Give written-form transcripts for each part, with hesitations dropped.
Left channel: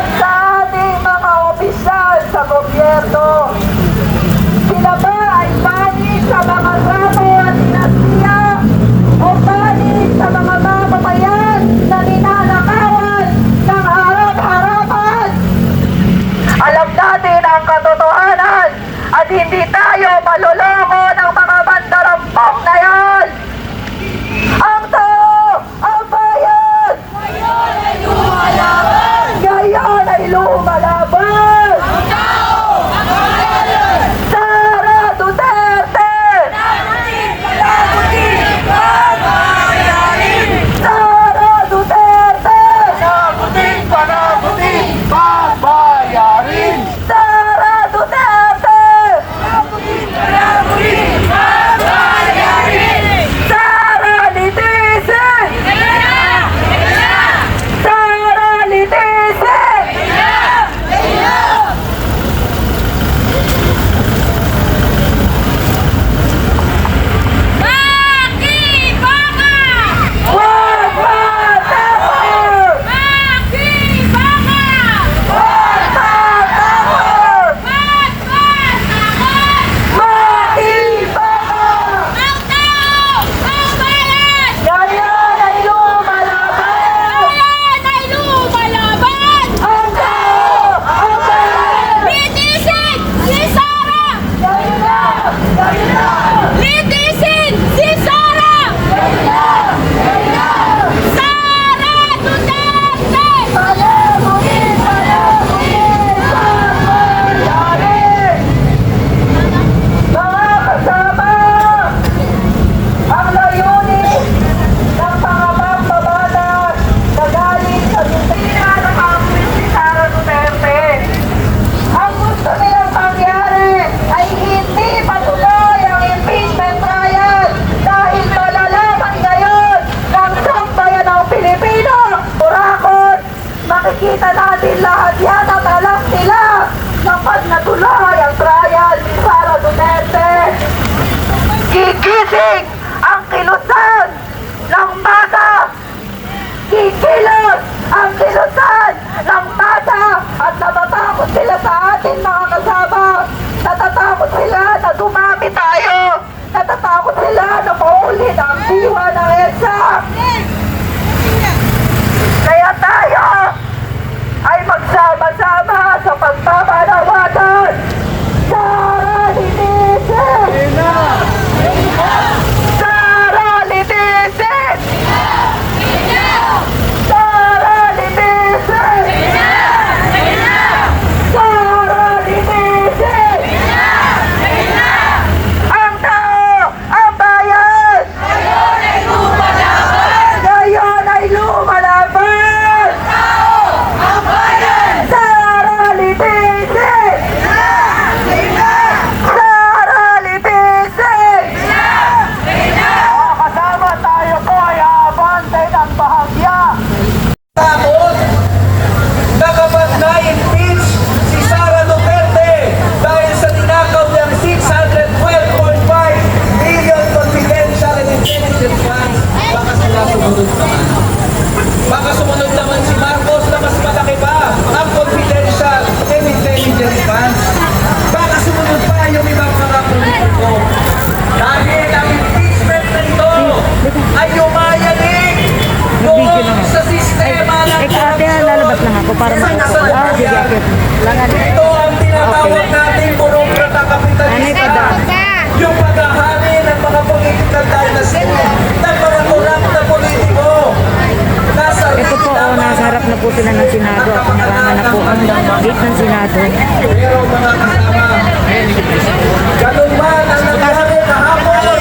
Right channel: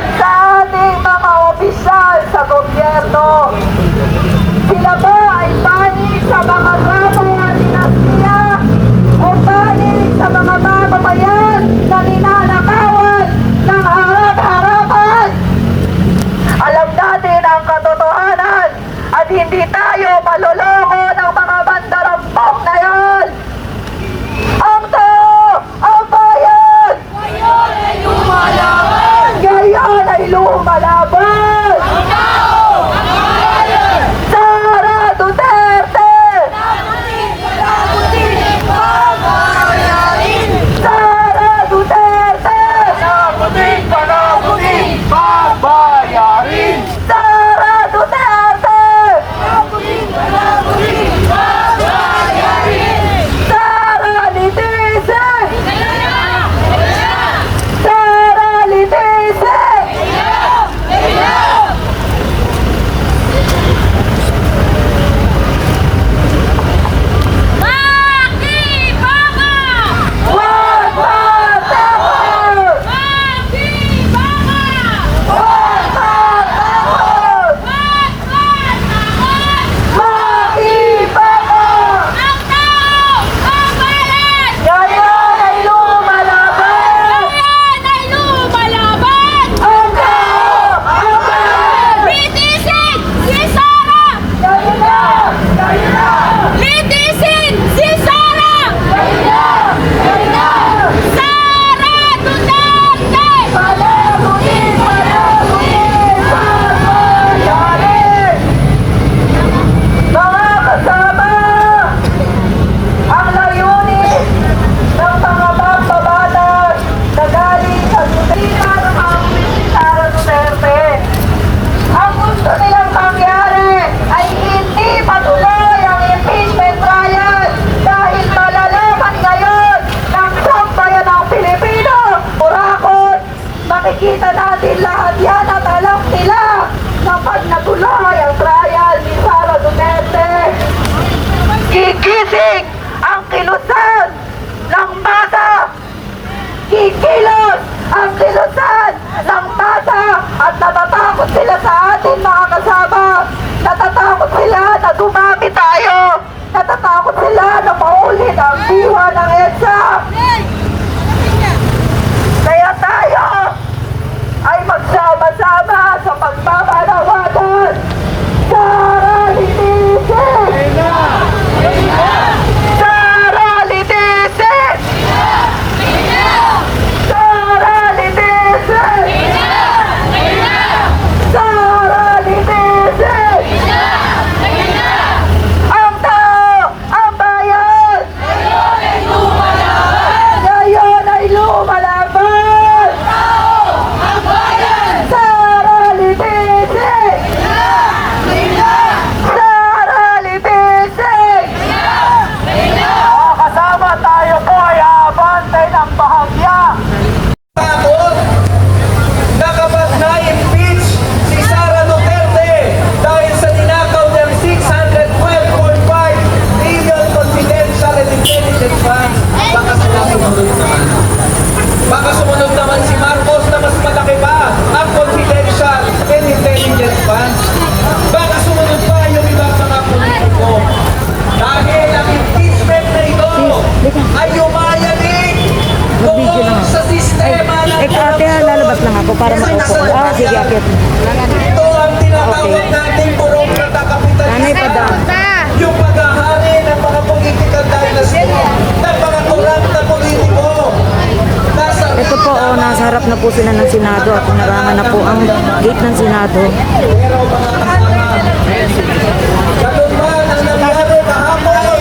at sa ating mga opisyal sa gobyerno. Sila ba ay panig sa mga rapo at dinastiya o panig sa mga mamamayan na ninanakawan ng harap-harapan? Alam natin ang katotohanan at hindi tayo maloloko ng mga mandarampok na yan. Ang tao, ang bayan, ngayon ay lumalaban. Sara Duterte! Sara Duterte! Sara Duterte! Sara Litisen! Sara Litisen! Wag matakot! Wag matakot! Makibaka! Ngayon ay lumalaban! Ang tao! Ang bayan! Kayo na! Kayo na! Mga kasama, ang layunin ng mga mambabatas na galing sa gobyerno ng Pangulong Sara Duterte. Ang gusto nilang mangyari ay hindi patuloy ang impeachment trial dahil malalaman ngayon ng sambayan ng Pilipino. Kurakot, makikita natin lahat yan at alam nila kapag natuloy ang trial ni Sara Duterte. Gigising ang kilusan ng masa. Kikilos ang kilusan ng masa at natatakot sila sa atin mga kasama. Natatakot sila na dumami tayo. Natatakot sila na maulit ang diwa ng EDSA. Kaya tayo ay magsama-sama sa pagpapanawagan. Sara Litisen! Sara Litisen! Sara Litisen! Sara Litisen! Ang tao, ang bayan! Ngayon ay lumalaban! Sara Litisen! Sara Litisen! Kasama tayo po ay aabante ng bahagya. Tapos, nakapag na-impeach si Sara Duterte dahil sa tinakaw ng 612.5 billion confidential and intelligence funds. Baka sila sumunod naman. Baka sumunod naman si Marcos na mas malaki pa ang confidential and intelligence funds. Baka sumunod pa yung ibang mga politiko. Dahil ang impeachment na ito ay umayanig doon sa sistema ng Ate, lalabas lang ako para maupo. Sige, akit. ito ang tinatawag nating burokrata Nanay pa daw. kapitalista. Yung paghahari ng mga political dynasty, ng mga korap na politiko. Ito po, nasa harap na po sila ng Senado at narangan na po ang gate ng Senado. Pero mga kasama, ganun man ang nangyari kahapon,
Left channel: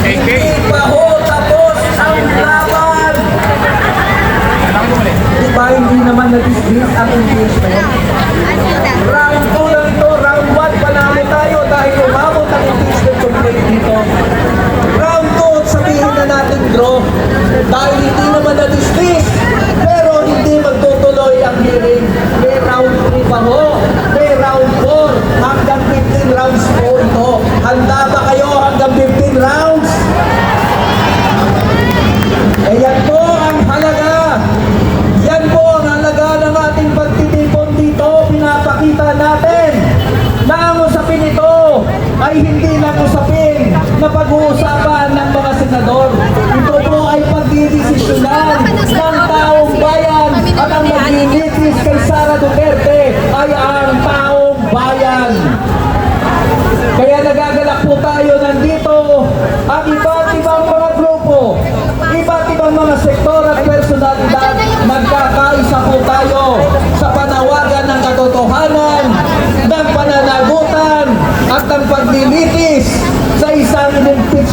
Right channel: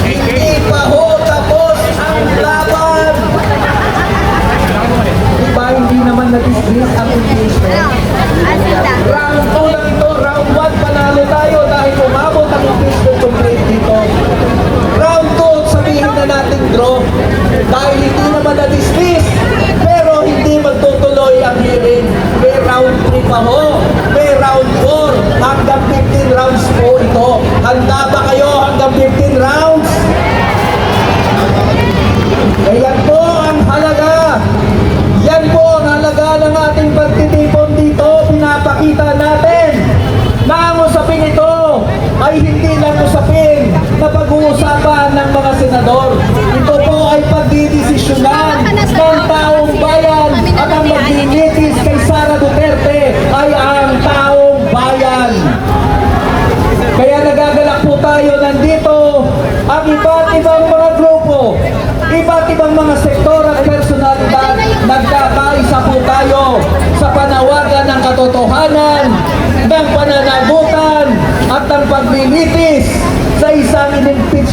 hindi pa ho tapos ang laban. Diba hindi naman na-dismiss ang impeachment? Round 2 lang to, round 1 panalo tayo dahil umabot ang impeachment complaint dito. Round 2, sabihin na natin draw dahil hindi naman na-dismiss pero hindi magtutuloy ang hearing. May round 3 pa ho, may round 4 hanggang 15 rounds po ito. Handa ba kayo hanggang 15 rounds? Kaya po ang halaga. Yan po ang halaga ng ating pagtitiwala.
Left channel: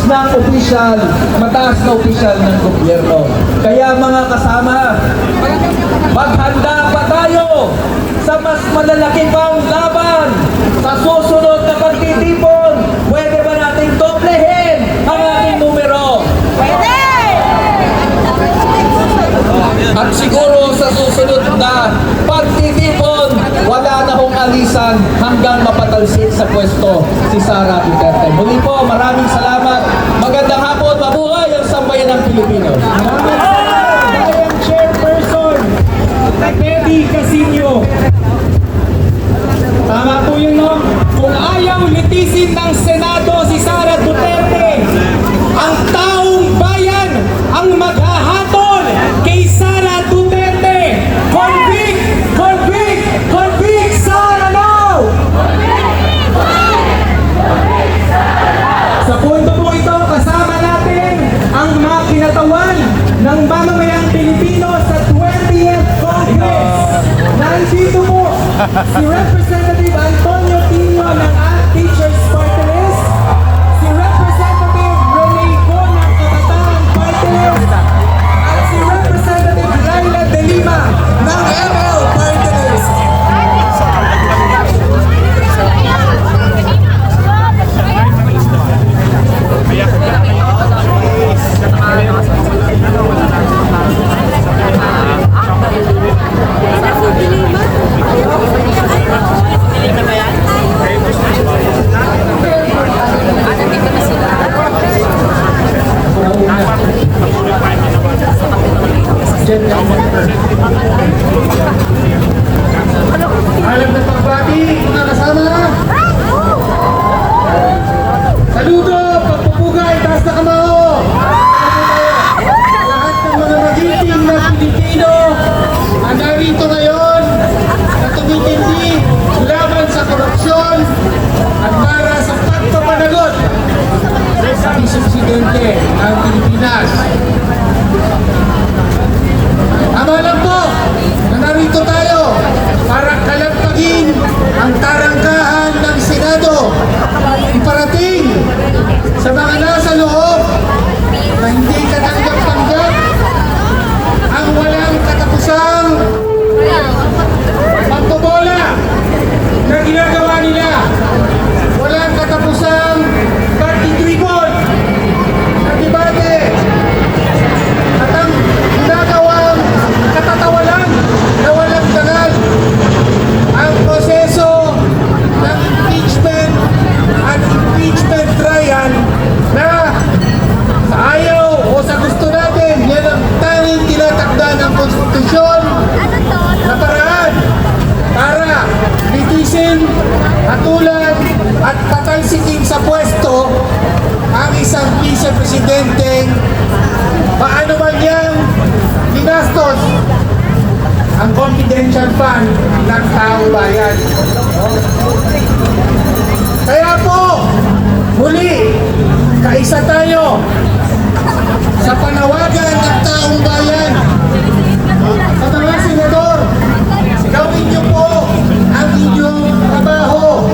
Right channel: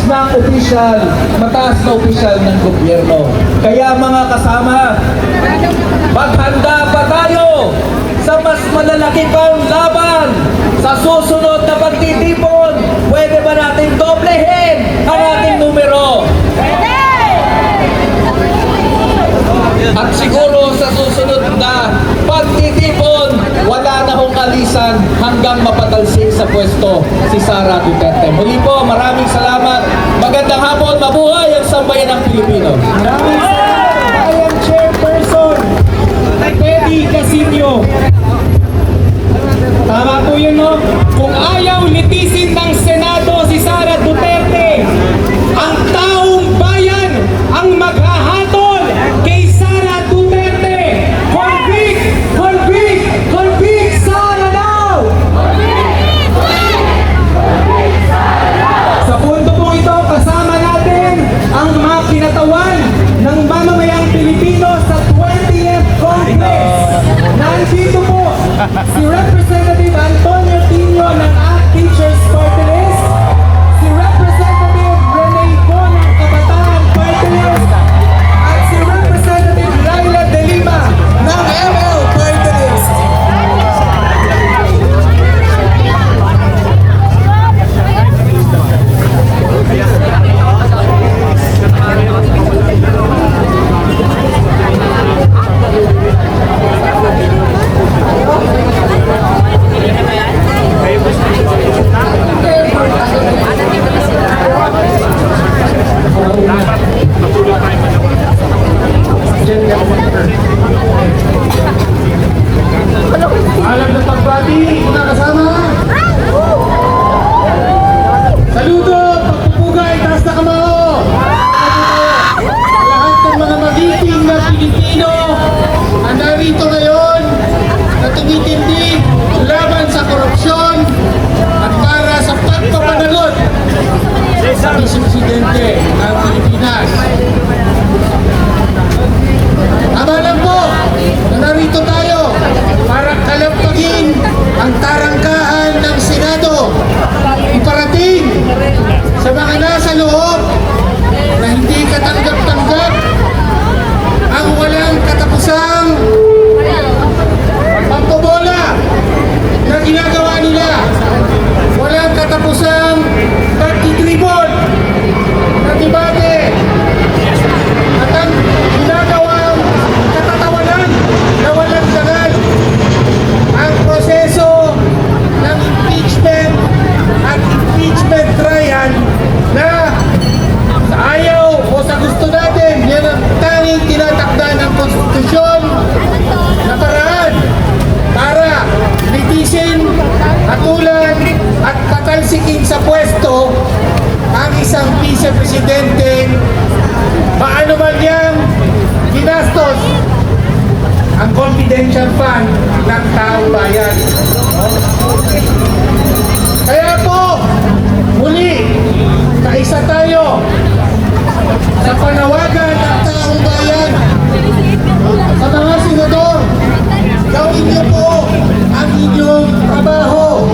ng opisyal, mataas na opisyal ng gobyerno. Kaya mga kasama, maghanda pa tayo sa mas malalaki pang laban sa susunod na pagtitipon. Pwede ba nating doblehin ang ating numero? At siguro sa susunod na pagtitipon, wala na hong alisan hanggang mapatalsik sa pwesto si Sara Duterte. Muli po, maraming salamat. Magandang hapon, mabuhay ang sambayan ng Pilipino. Ayan, Chairperson Teddy Casino. Tama po yun, no? Kung ayaw litisin ng Senado si Sara Duterte, ang taong bayan ang maghahatol kay Sara Duterte. Convict! Convict! Convict Sara now! Sa punto po ito, kasama natin ang mga kinatawan ng mamamayang Pilipino sa 20th Congress. Nandito po si Representative Antonio Tino ng ACT Teachers Party List, si Representative Rene Go ng Kabataan Party List, at si Representative Laila De Lima ng ML Party List. Alam na pagbati, mga kasama. Saludo, pagpupugay, taas na kamao. Lahat ng mga magiting na Pilipino na narito ngayon na tumitindi laban sa korupsyon at para sa pagpapanagot sa Vice-Presidente ng Pilipinas. Tama lang po na narito tayo para kalampagin ang tarangkahan ng Senado. Iparating sa mga nasa loob na hindi katanggap-tanggap ang walang katapusang pambobola na ginagawa nila. Walang katapusang pagtitribon na debate at ang ginagawang katatawanan na walang dangal. Ang proseso ng impeachment at impeachment trial na sa ayaw o sa gusto natin, yan ang tanging tinatakda ng konstitusyon na paraan para litisin, hatulan at patalsikin sa pwesto ang isang vice-presidente paano man niyang ginastos ang confidential fund ng taong bayan. No? Kaya po, muli, kaisa tayo sa panawagan ng taong bayan. Sa mga senador, gawin niyo po ang inyong trabaho.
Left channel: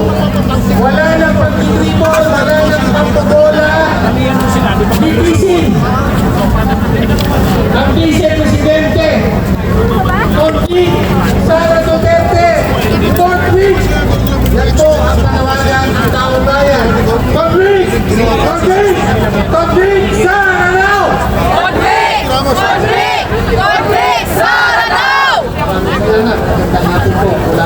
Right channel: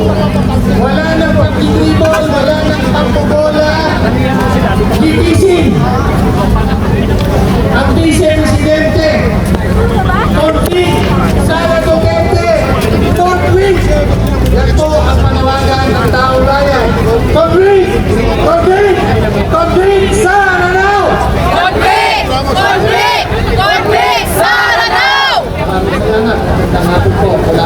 Wala nang pagtitribol, wala nang pambobola. Litisin ang vice-presidente. Convict Sara Duterte. Convict! Yan po ang panawagan ng taong bayan. Convict! Convict! Convict Sara now! Convict! Convict! Convict! Sara now! Natin po, wala